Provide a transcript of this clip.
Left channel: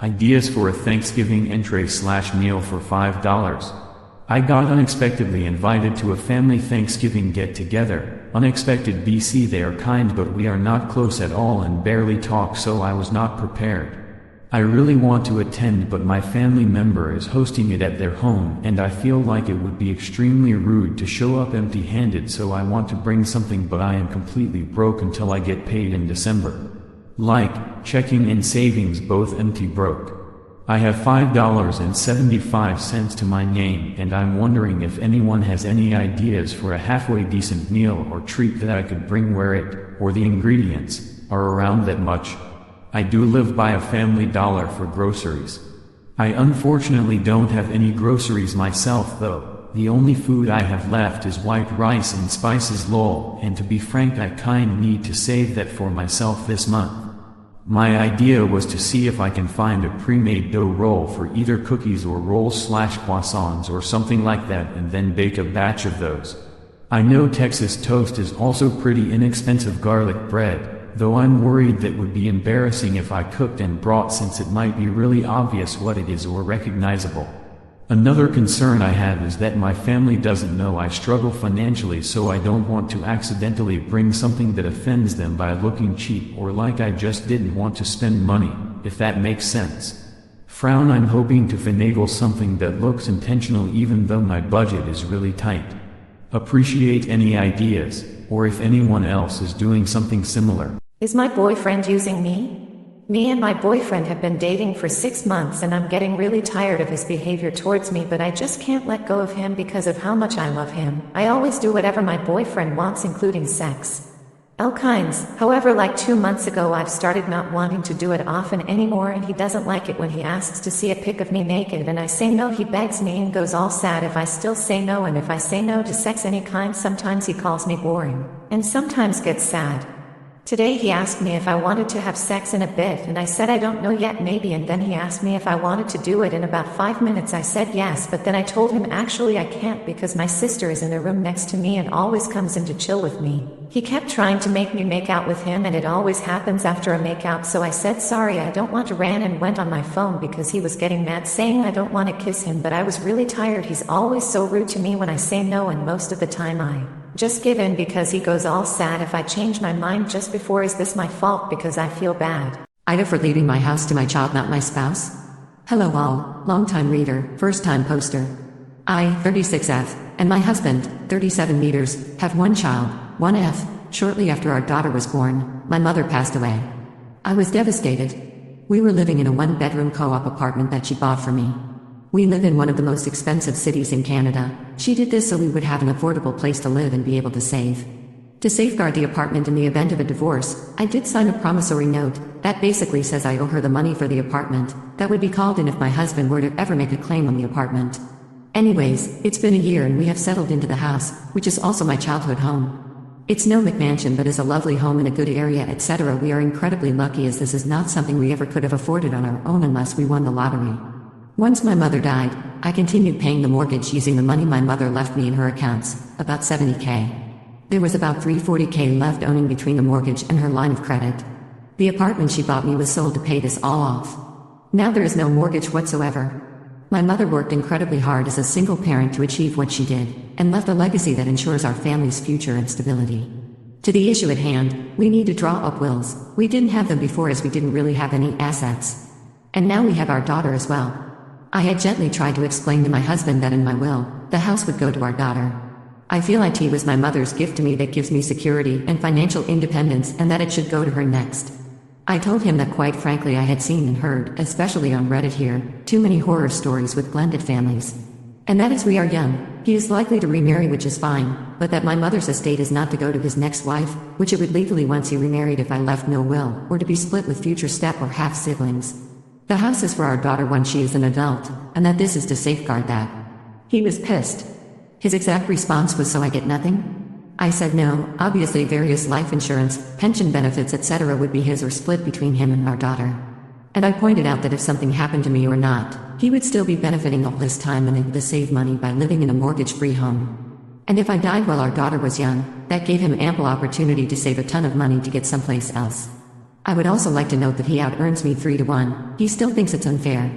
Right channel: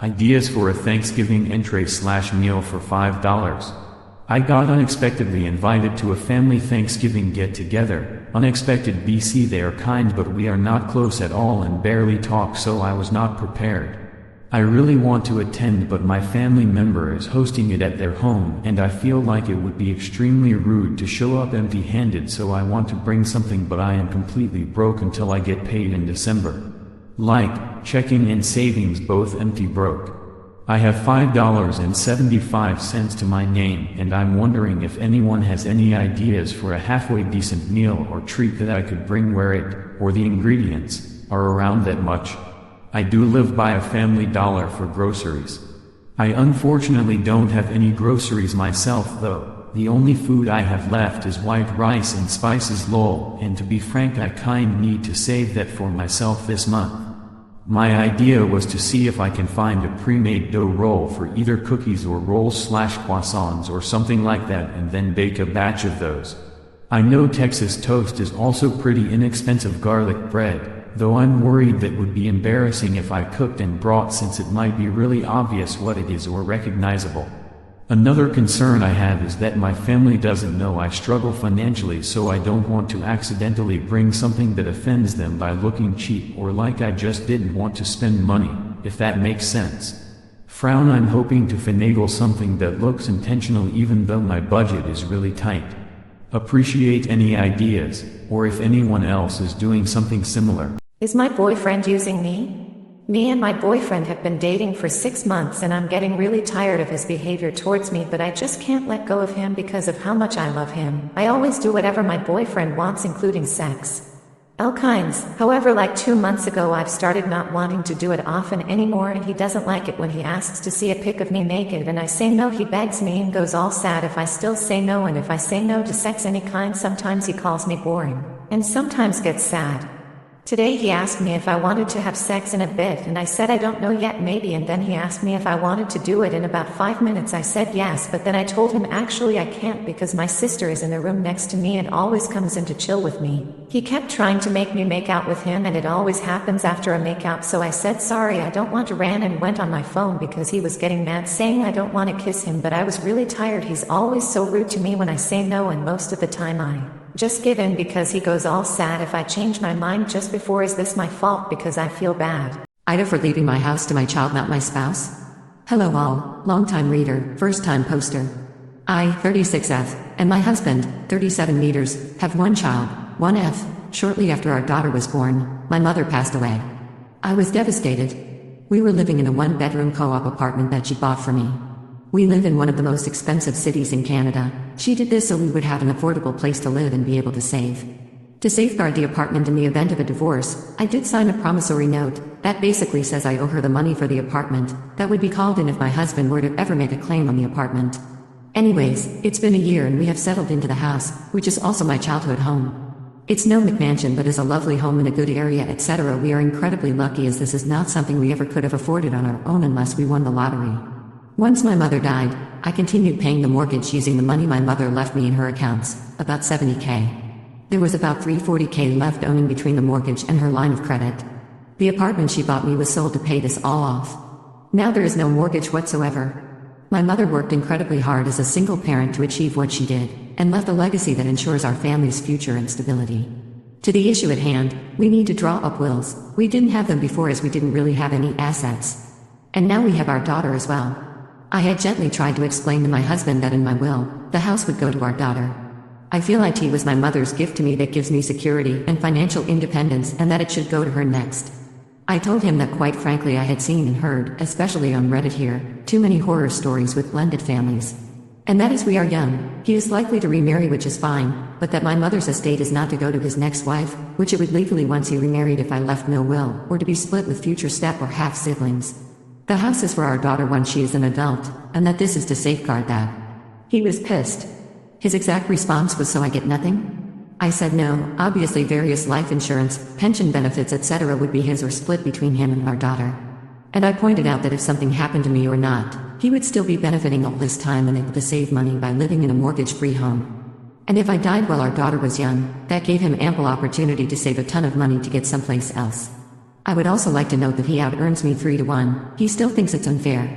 Ideas for a Thanksgiving entree/meal for $5. I got unexpectedly invited to a family Thanksgiving get-together. Unexpected BC. They are kind but we are not close at all and barely talk, so I was not prepared. I really want to attend but my family member is hosting it at their home and I feel like it would be extremely rude to show up empty-handed, so I want to bring something but I am completely broke until I get paid in December. Like, checking in savings both empty broke. I have $5.75 to my name and I'm wondering if anyone has any ideas for a halfway decent meal or treat that I could bring where it, or the ingredients, are around that much. I do live by a Family Dollar for groceries. I unfortunately don't have any groceries myself though. The only food I have left is white rice and spices lol, and to be frank I kind need to save that for myself this month. My idea was to see if I can find a pre-made dough roll for either cookies or rolls/croissants or something like that and then bake a batch of those. I know Texas toast is also pretty inexpensive garlic bread, though I'm worried that would be embarrassing if I cooked and brought since it might be really obvious what it is or recognizable. Another concern I have is that my family doesn't know I struggle financially, so I don't want to accidentally bring something that offends them by looking cheap or like I just didn't want to spend money, if that makes sense. Frown. I'm hoping to finagle something that looks intentional even though my budget is really tight. Appreciate any ideas, or if anyone else is doing something similar. Is my boyfriend using me? Me and my boyfriend have been dating for 6 months and I'm getting really tired of his behavior towards me, but I just can't let go of him because of how much I love him. I always do whatever my boyfriend wants, including sex. All kinds. However, like 2 months ago I've started not wanting to do it often anymore and he doesn't like it when he asks to see a pic of me naked and I say no. He begs me and goes all sad if I still say no, and if I say no to sex any kind sometimes he calls me boring, and sometimes gets sad. Today he asked me if I wanted to have sex in a bed and I said I don't know yet, maybe, and then he asked me if I wanted to do it. In about 5 minutes I said yes, but then I told him actually I can't because my sister is in the room next to me and always comes in to chill with me. He kept trying to make me make out with him and it always happens after a make out, so I said sorry I don't want to, ran and went on my phone because he was getting mad saying I don't want to kiss him, but I was really tired. He's always so rude to me when I say no and most of the time I just give in because he goes all sad if I change my mind just before. Is this my fault? Because I feel bad. Ida for leaving my house to my child, not my spouse. Hello all, long-time reader, first-time poster. I, 36F, and my husband, 37 meters, have one child, 1F. Shortly after our daughter was born, my mother passed away. I was devastated. We were living in a one-bedroom co-op apartment that she bought for me. We live in one of the most expensive cities in Canada. She did this so we would have an affordable place to live and be able to save. To safeguard the apartment in the event of a divorce, I did sign a promissory note that basically says I owe her the money for the apartment that would be called in if my husband were to ever make a claim on the apartment. Anyways, it's been a year and we have settled into the house, which is also my childhood home. It's no McMansion but is a lovely home in a good area, etc. We are incredibly lucky as this is not something we ever could have afforded on our own unless we won the lottery. Once my mother died, I continued paying the mortgage using the money my mother left me in her accounts, about $70K. There was about $340K left owing between the mortgage and her line of credit. The apartment she bought me was sold to pay this all off. Now there is no mortgage whatsoever. My mother worked incredibly hard as a single parent to achieve what she did, and left a legacy that ensures our family's future and stability. To the issue at hand, we need to draw up wills. We didn't have them before as we didn't really have any assets. And now we have our daughter as well. I had gently tried to explain to my husband that in my will, the house would go to our daughter. I feel IT was my mother's gift to me that gives me security and financial independence, and that it should go to her next. I told him that quite frankly I had seen and heard, especially on Reddit here, too many horror stories with blended families. And that as we are young, he is likely to remarry, which is fine, but that my mother's estate is not to go to his next wife, which it would legally once he remarried if I left no will, or to be split with future step or half siblings. The house is for our daughter once she is an adult, and that this is to safeguard that. He was pissed. His exact response was, so I get nothing? I said no, obviously various life insurance, pension benefits, etc. would be his or split between him and our daughter. And I pointed out that if something happened to me or not, he would still be benefiting all this time and able to save money by living in a mortgage-free home. And if I died while our daughter was young, that gave him ample opportunity to save a ton of money to get someplace else. I would also like to note that he out earns me 3 to 1. He still thinks it's unfair.